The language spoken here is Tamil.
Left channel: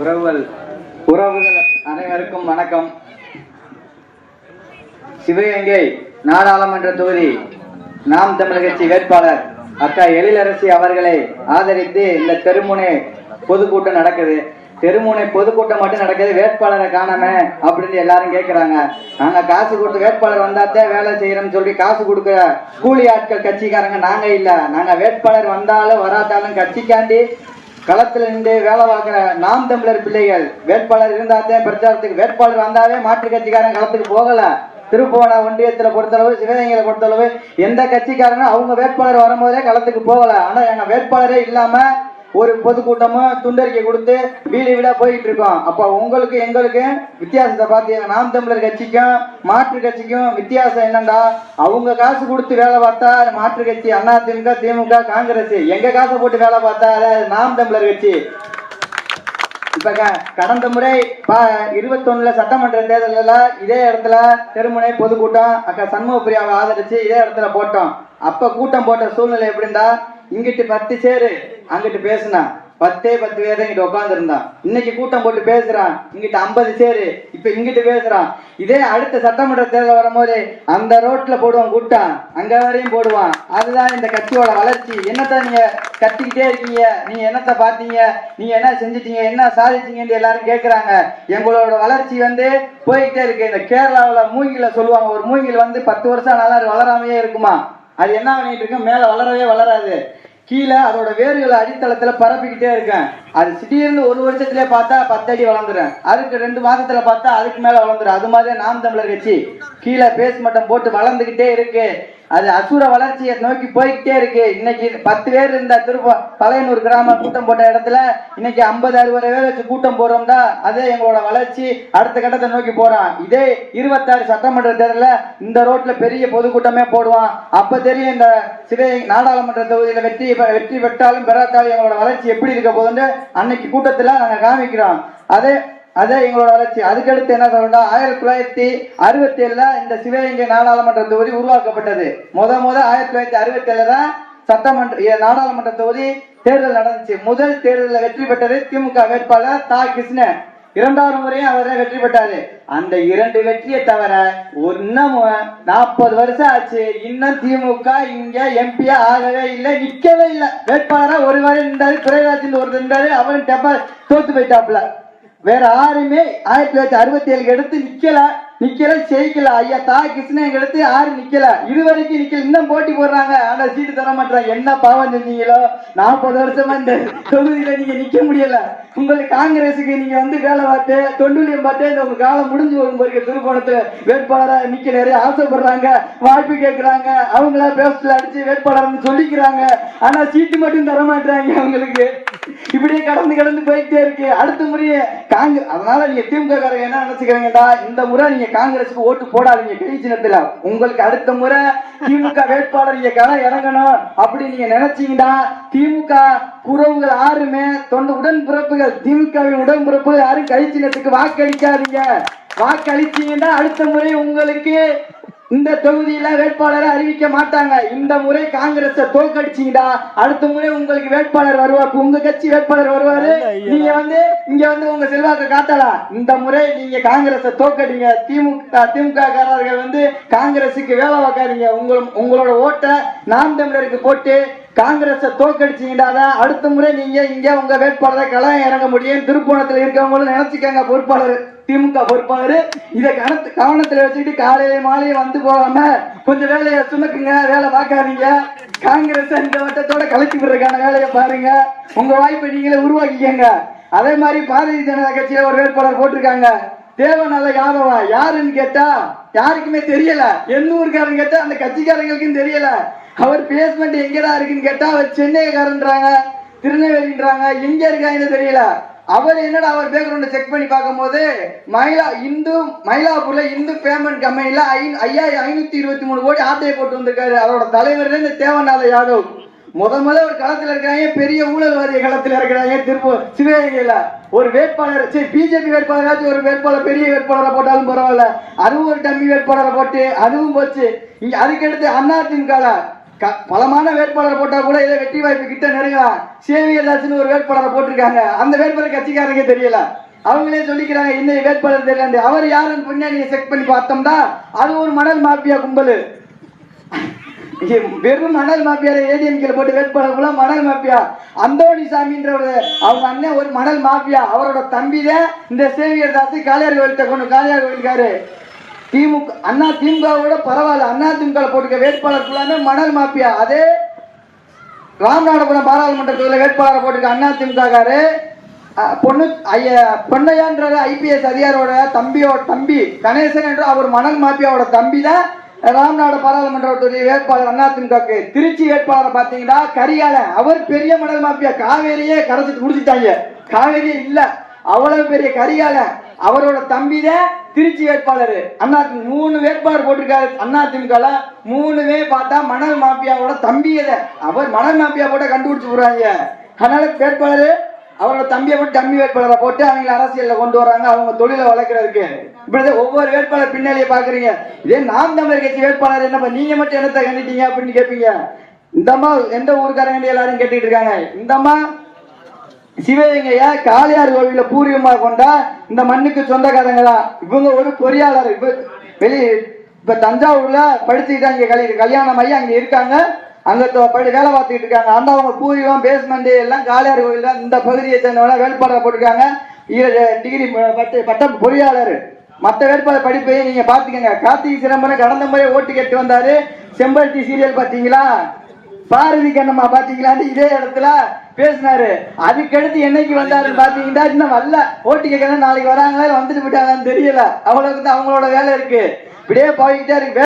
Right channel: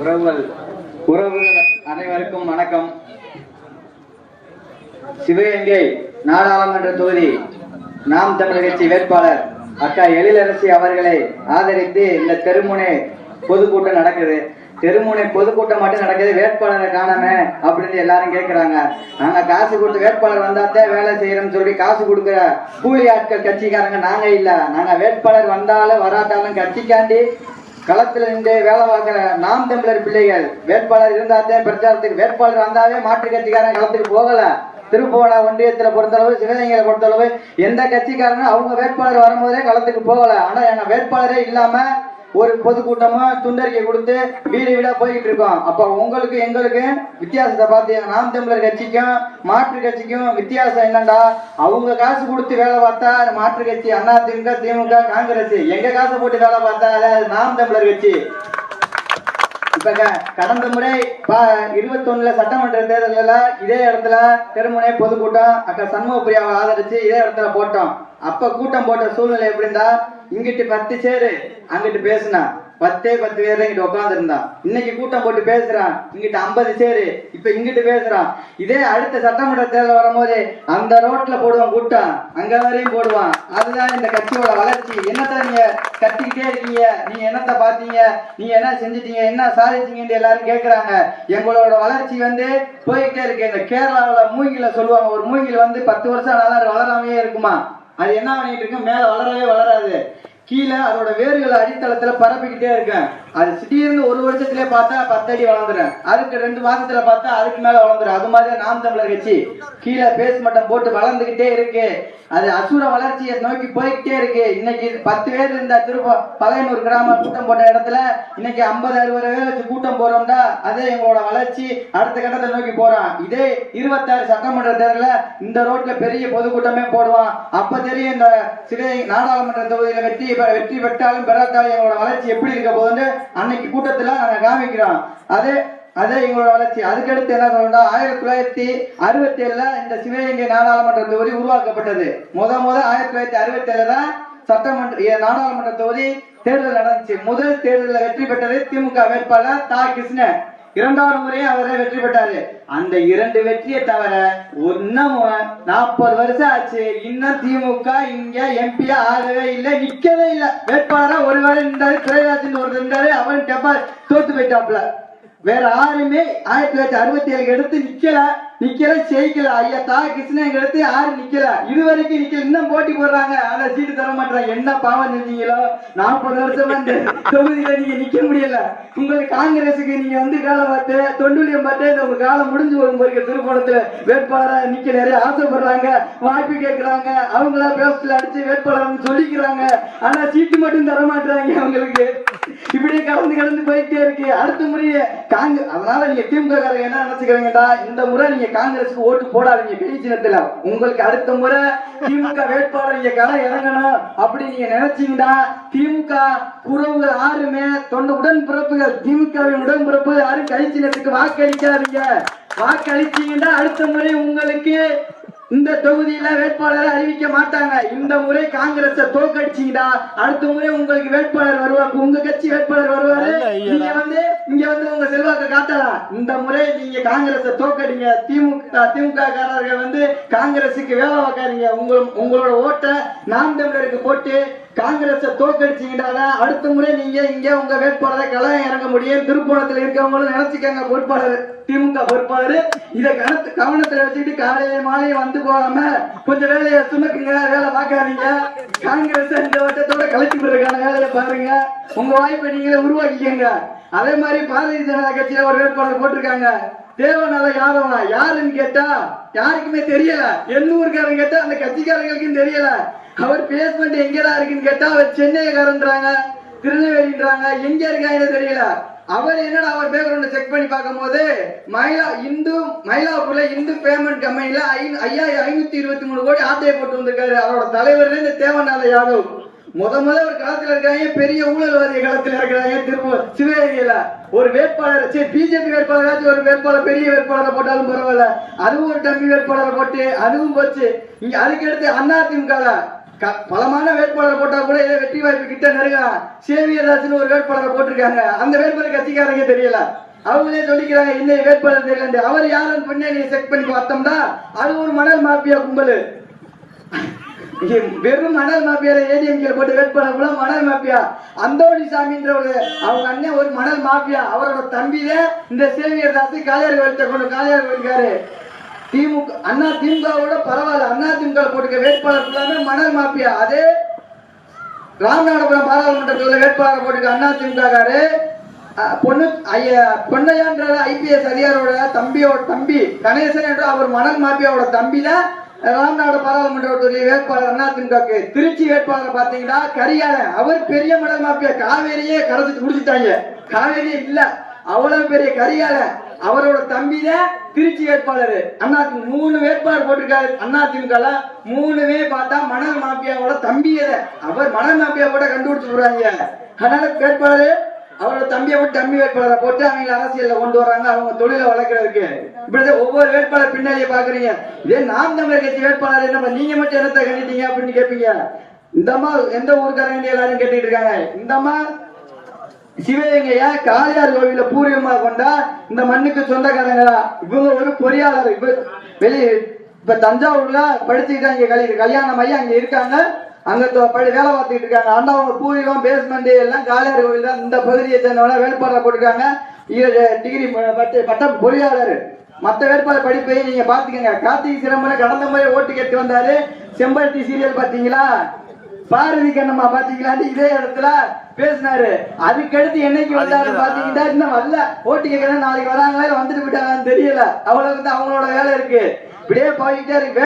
உறவுகள் உறவுகள் அனைவருக்கும் வணக்கம். சிவகங்கை நாடாளுமன்ற தொகுதி நாம் தமிழர் கட்சி வேட்பாளர் அக்கா எழிலரசி அவர்களை ஆதரித்து இந்த தெருமுனை பொதுக்கூட்டம் நடக்குது. தெருமுனை பொதுக்கூட்டம் மட்டும் நடக்குது வேட்பாளரை காணாம அப்படின்னு எல்லாரும் கேட்கிறாங்க நாங்க காசு கொடுத்து வேட்பாளர் வந்தாத்தே வேலை செய்யறோம்னு சொல்லி காசு கொடுக்குற கூலி ஆட்கள் கட்சிக்காரங்க நாங்க இல்ல. நாங்க வேட்பாளர் வந்தாலும் வராட்டாலும் கட்சிக்காண்டி களத்தில் நின்று வேலை பார்க்கிற நாம் தமிழர் பிள்ளைகள் வேட்பாளர் இருந்தாத்தே பிரச்சாரத்துக்கு வேட்பாளர் வந்தாவே மாற்று கட்சிக்காரன் களத்துக்கு போகல. திருப்போண ஒன்றியத்தில் பொறுத்தளவு சிவகங்கையில பொறுத்தளவு எந்த கட்சிக்காரனும் அவங்க வேட்பாளர் வரும்போதே களத்துக்கு போகல. ஆனா எங்க வேட்பாளரே இல்லாம ஒரு பொதுக்கூட்டமா துண்டறிக்கை கொடுத்து வீடு வீடா போயிட்டு இருக்கோம். அப்ப உங்களுக்கு எங்களுக்கு வித்தியாசத்தை பார்த்தீங்கன்னா நாம் தமிழர் கட்சிக்கும் மாற்று கட்சிக்கும் வித்தியாசம் என்னண்டா? அவங்க காசு கொடுத்து வேலை பார்த்தா மாற்று கட்சி அதிமுக திமுக காங்கிரஸ். எங்க காசை போட்டு வேலை பார்த்தா நாம் தமிழர் கட்சி. இப்ப கடந்த முறை இருபத்தொன்னுல சட்டமன்ற தேர்தல்ல இதே இடத்துல தெருமுனை பொதுக்கூட்டம் அக்கா சண்முக பிரியாவை ஆதரிச்சு இதே இடத்துல போட்டோம். அப்ப கூட்டம் போட்ட சூழ்நிலை எப்படி இருந்தா இங்கிட்டு பத்து சேரு. அங்கிட்டு பேசுனா பத்தே பத்து பேர் தான் இங்கிட்ட உட்காந்துருந்தான் இன்னைக்கு கூட்டம் போட்டு பேசுறான். இங்கிட்ட ஐம்பது சேரு இப்ப இங்கிட்டு பேசுறான். இதே அடுத்த சட்டமன்ற தேர்தல் வரும்போது அந்த ரோட்ல போடுவான் கூட்டம். அங்க வரையும் போடுவான். அதுதான் இந்த கட்சியோட வளர்ச்சி. என்னத்த நீங்க கத்திக்கிட்டே இருக்கீங்க? நீங்க என்னத்த பாத்தீங்க நீங்க என்ன செஞ்சிட்டீங்க? என்ன சாதிச்சீங்கன்னு எல்லாரும் கேக்குறாங்க. எங்களோட வளர்ச்சி வந்து போய்கிட்டே இருக்கு. இந்த கேரளாவில் மூங்கில சொல்லுவாங்க. ஒரு மூங்கில் வந்து பத்து வருஷம் நல்லா வளராமையே இருக்குமா? அது என்ன பண்ணிட்டு இருக்கு? மேல வளரவே வளராது. கீழே அதோட வேர்கள் அடித்தளத்துல பரப்பிக்கிட்டே இருக்கேன். அது திடீர்னு ஒரு வருஷத்துலயே பார்த்தா பத்தடி அடி வளர்ந்துடும் அதுக்கு ரெண்டு மாசத்துல பார்த்தா அதுக்கு மேல வளர்ந்துடும் அது மாதிரி நாம் தமிழர் கட்சி. கீழே பேஸ் மட்டம் போட்டு வளர்ந்துகிட்டே இருக்கு. அது அசுர வளர்ச்சியை நோக்கி போய்கிட்டே இருக்கு. இன்னைக்கு பத்து பேர் இருந்த திருப்ப பழையனூர் கிராம கூட்டம் போட்ட இடத்துல இன்னைக்கு ஐம்பது அறுபது பேர் வச்சு கூட்டம் போறோம்னா அதே எங்களோட வளர்ச்சி அடுத்த கட்டத்தை நோக்கி போறோம் இதே இருபத்தாறு சட்டமன்ற தேர்தல இந்த ரோட்ல பெரிய பொதுக்கூட்டமே போடுவான். அப்ப தெரியும் இந்த சிவகங்கை நாடாளுமன்ற தொகுதியில வெற்றி வெற்றி பெற்றாலும் பெறாத்தாலும் எங்களோட வளர்ச்சி எப்படி இருக்க போகுதுன்னு அன்னைக்கு கூட்டத்தில் நாங்கள் காமிக்கிறோம். அது அதே எங்களோட வளர்ச்சி. அதுக்கடுத்து என்ன சொல்லணும்னா ஆயிரத்தி தொள்ளாயிரத்தி அறுபத்தி ஏழுல இந்த சிவகங்கை நாடாளுமன்ற தொகுதி உருவாக்கப்பட்டது. முத முத ஆயிரத்தி தொள்ளாயிரத்தி அறுபத்தி ஏழுல தான் சட்டமன்ற நாடாளுமன்ற தொகுதி தேர்தல் நடந்துச்சு. முதல் தேர்தலில் வெற்றி பெற்றது திமுக வேட்பாளர் தா. கிருஷ்ணன். இரண்டாவது முறையும் அவரே வெற்றி பெற்றாரு. அந்த இரண்டு வெற்றியை தவிர இன்னமும் நாற்பது வருஷம் ஆச்சு. இன்னும் திமுக இங்க எம்பியா ஆகவே இல்லை நிக்கவே இல்லை. வேட்பாளரா ஒரு வேலை நின்றாரு துறைராஜன் ஒரு நின்றாரு அவன் டெப்பா தோத்து போயிட்டாப்ல வேற யாருமே ஆயிரத்தி தொள்ளாயிரத்தி அறுபத்தி ஏழுக்கு எடுத்து நிக்கல. நிக்கல ஜெயிக்கல. ஐயா தா கிருஷ்ணன் எடுத்து யாரும் நிக்கல. இது வரைக்கும் நிக்கல. இன்னும் போட்டி போடுறாங்க. ஆனா சீட்டு தர மாட்டாங்க என்ன பாவம் செஞ்சீங்களோ? நாற்பது வருஷம் வந்து தொகுதியில நீங்க நிக்க முடியல. உங்களுக்கு காங்கிரஸுக்கு நீங்க வந்து வேலை பார்த்து தொண்டுலியம் பார்த்து இந்த உங்க காலம் முடிஞ்சு வரும் போது திருப்பணத்துல வேட்பாளரா நிக்க நிறைய ஆசைப்படுறாங்க. வாய்ப்பு கேட்கிறாங்க அவங்களா பேசல அடிச்சு வேட்பாளர்னு சொல்லிக்கிறாங்க. ஆனா சீட்டு மட்டும் தர மாட்டாங்க அவங்களுக்கு. இப்படியே கடந்து கடந்து போயிட்டே இருக்கு. அடுத்த முறையே காங்கிரஸ் அதனால நீங்க திமுக என்ன நினைச்சுக்கிறீங்கடா இந்த முறை நீங்க காங்கிரஸுக்கு ஓட்டு போடாதீங்க பெரிய சின்னத்துல. உங்களுக்கு அடுத்த முறை திமுக வேட்பாளர் நீங்க களம் இறங்கணும் அப்படி நீங்க நினைச்சீங்கன்னா திமுக உறவுகள் யாருமே தொண்ட உடன்பிறப்புகள் திமுகவின் உடன்பிறப்பு யாரும் கை சின்னத்துக்கு வாக்களிக்காதீங்க. வாக்களிச்சீங்கன்னா அடுத்த முறை உங்களுக்கு இந்த தொகுதியில வேட்பாளரை அறிவிக்க மாட்டாங்க. இந்த முறை காங்கிரஸ தோக்கடிச்சீங்கடா அடுத்த முறை உங்களுக்கு வேட்பாளர் வருவார் உங்க கட்சி வேட்பாளர் வருவாரு? நீங்க வந்து இங்க வந்து உங்க செல்வாக்க காட்டலாம் இந்த முறை நீங்க காங்கிரஸ தோக்கடிங்க திமுக திமுக காரர்கள் வந்து காங்கிரஸுக்கு வேலை வைக்காதீங்க உங்க உங்களோட ஓட்டை நாம் தமிழருக்கு போட்டு காங்கிரஸை தோக்கடிச்சீங்கடா அடுத்த முறை நீங்க இங்க உங்க வேட்பாளரை களம் இறங்க முடியும். திருப்போணத்துல இருக்கவங்களும் நினைச்சுக்கங்க பொறுப்பாளர் திமுக பொறுப்பாளர். இதை கணத்து கவனத்துல வச்சுக்கிட்டு காலையில மாலையை வந்து போகாம கொஞ்சம் வேலையை சுமக்குங்க வேலை பார்க்காதீங்க. காங்கிரஸ் இந்த வட்டத்தோட கலைச்சு விடுறதுக்கான வேலையை பாருங்க. உங்க வாய்ப்பை நீங்களே உருவாக்கிக்கங்க. அதே மாதிரி பாரதிய ஜனதா கட்சியில ஒரு வேட்பாளர் போட்டிருக்காங்க. தேவநல யாதவா? யாருன்னு கேட்டா யாருக்குமே தெரியல. எண்ணூருக்காரங்க கேட்டா அந்த கட்சிக்காரங்களுக்கும் தெரியல. அவர் பேஸ்மெண்ட் எங்கடா இருக்குன்னு கேட்டா அவர் சென்னைக்காரன்றாங்க திருநெல்வேலின்றாங்க. எங்க இருக்காங்கன்னு தெரியல. அவர் என்னடா அவர் பேக்ரவுண்ட் செக் பண்ணி பார்க்கும்போது மயிலா இந்து மயிலாப்பூர்ல இந்து பேமெண்ட் கம்பெனில ஐயாயிரம் ஐநூத்தி இருபத்தி மூணு கோடி ஆட்டையை போட்டு வந்திருக்காரு. அவரோட தலைவர் இந்த தேவநாத யாதவ். முத முத ஒரு களத்துல இருக்காங்க பெரிய ஊழல்வாதி களத்துல இருக்கிறாங்க திருப்பூர் சிவகங்கையில. ஒரு வேட்பாளர் சரி பிஜேபி வேட்பாளராச்சும் ஒரு வேட்பாளர் பெரிய வேட்பாளரை போட்டாலும் பரவாயில்ல. அதுவும் ஒரு டம்மி வேட்பாளரை போட்டு அதுவும் போச்சு. இங்க அதுக்கடுத்து அதிமுக பலமான வேட்பாளர் போட்டா கூட ஏதோ வெற்றி வாய்ப்பு கிட்ட நெருங்கலாம் சேவியராஜ்னு ஒரு வேட்பாளரை போட்டிருக்காங்க. அந்த வேட்பாளர் கட்சிக்காரங்க தெரியல. அவங்களே சொல்லிக்கிறாங்க இந்த வேட்பாளர் தெரியல அவர் யாருன்னு பின்னாடி செக் பண்ணி பார்த்தோம்னா அது ஒரு மணல் மாஃபியா கும்பல். வெறும் மணல் மாஃபியால ஏடிஎம்கே போட்டு வேட்பாளர் கூட மணல் மாஃபியா? அந்தோணி சாமின்றவர். அவங்க அண்ணன் ஒரு மணல் மாஃபியா. அவரோட தம்பியே இந்த சேவியர் தாசி காளையார் கோயில்கிட்ட கொண்டு காளையார் கோயிலுக்காரு திமுக அண்ணா திமுகவோட பரவாயில்ல. அண்ணா திமுக போட்டுக்க வேட்பாளர் ஃபுல்லாமே மணல் மாப்பியா. அதே ராமநாதபுரம் பாராளுமன்றத்தில் வேட்பாளர் போட்டுக்க அண்ணா திமுககாரு. பொண்ணு ஐயா பொன்னையான்ற ஐபிஎஸ் அதிகாரியோட தம்பியோட தம்பி கணேசன் என்ற அவர் மணல் மாப்பியாவோட தம்பி தான் ராம்நாடு பாராளுமன்றத்துடைய வேட்பாளர் அண்ணா திமுகக்கு திருச்சி வேட்பாளர் பார்த்தீங்கன்னா கரிகாலன் அவர் பெரிய மணல் மாப்பியா. காவேரியே கரைச்சிட்டு முடிச்சுட்டாங்க. காவேரியே இல்ல. அவ்வளவு பெரிய கரியாலை அவரோட தம்பி தான் திருச்சி வேட்பாளர். அண்ணா மூணு வேட்பாளர் போட்டிருக்காரு. அண்ணா திமுக மூணுமே பார்த்தா மணல் மாஃபியாவோட தம்பியத. அவர் மணல் மாஃபியா போட்ட கண்டுபிடிச்சு போடுறாங்க. அதனால வேட்பாளர் அவரோட தம்பியை போட்டு தம்பி வேட்பாளரை போட்டு அவங்க அரசியல்ல கொண்டு வராங்க. அவங்க தொழிலை வளர்க்கறதுக்கு. இப்படிதான் ஒவ்வொரு வேட்பாளர் பின்னாடியே பாக்குறீங்க. இதே நாம் தமிழர் கட்சி வேட்பாளர் என்ன நீங்க மட்டும் என்னத்தை கண்டிட்டீங்க அப்படின்னு கேட்பீங்க இந்த அம்மா எந்த ஊருக்காரங்க எல்லாரும் கேட்டுட்டு இருக்காங்க. இந்த அம்மா சிவகங்கையா காளியார் கோவில பூர்வீகமா கொண்டா இந்த மண்ணுக்கு சொந்தக்காரங்க இவங்க ஒரு பொறியாளர். இப்ப வெளி இப்ப தஞ்சாவூர்ல படிச்சுக்கிட்டு இங்க கல்யாணம் கல்யாணம் ஆகி அங்க இருக்காங்க. அங்க படி வேலை பார்த்துக்கிட்டு இருக்காங்க. அந்த அவங்க பூர்வீகம் பேஸ்மெண்ட் எல்லாம் காளியார் கோவில் இந்த பகுதியை சேர்ந்தவங்க வேட்பாளர் போட்டிருக்காங்க. டிகிரி பட்ட பட்டம் பொறியாளர். மத்த வேட்பாளர் படிப்பையே நீங்க பாத்துக்கங்க கார்த்திகை சிதம்பரம் கடந்த முறை ஓட்டு கேட்டு வந்தாரு. செம்பருத்தி சீரியல் பாத்தீங்களா? பாரதி கண்ணம்மா பாத்தீங்களா இதே இடத்துல பேசினாரு. அதுக்கடுத்து என்னைக்கு வந்தாரு பாத்தீங்கன்னா இன்னும் வரல ஓட்டு கேட்கறேன் நாளைக்கு வராங்களா? வந்துட்டு போயிட்டாங்கன்னு தெரியல. அவ்வளவுக்கு தான் அவங்களோட வேலை இருக்கு. இப்படியே போய்கிட்டே இருக்கு.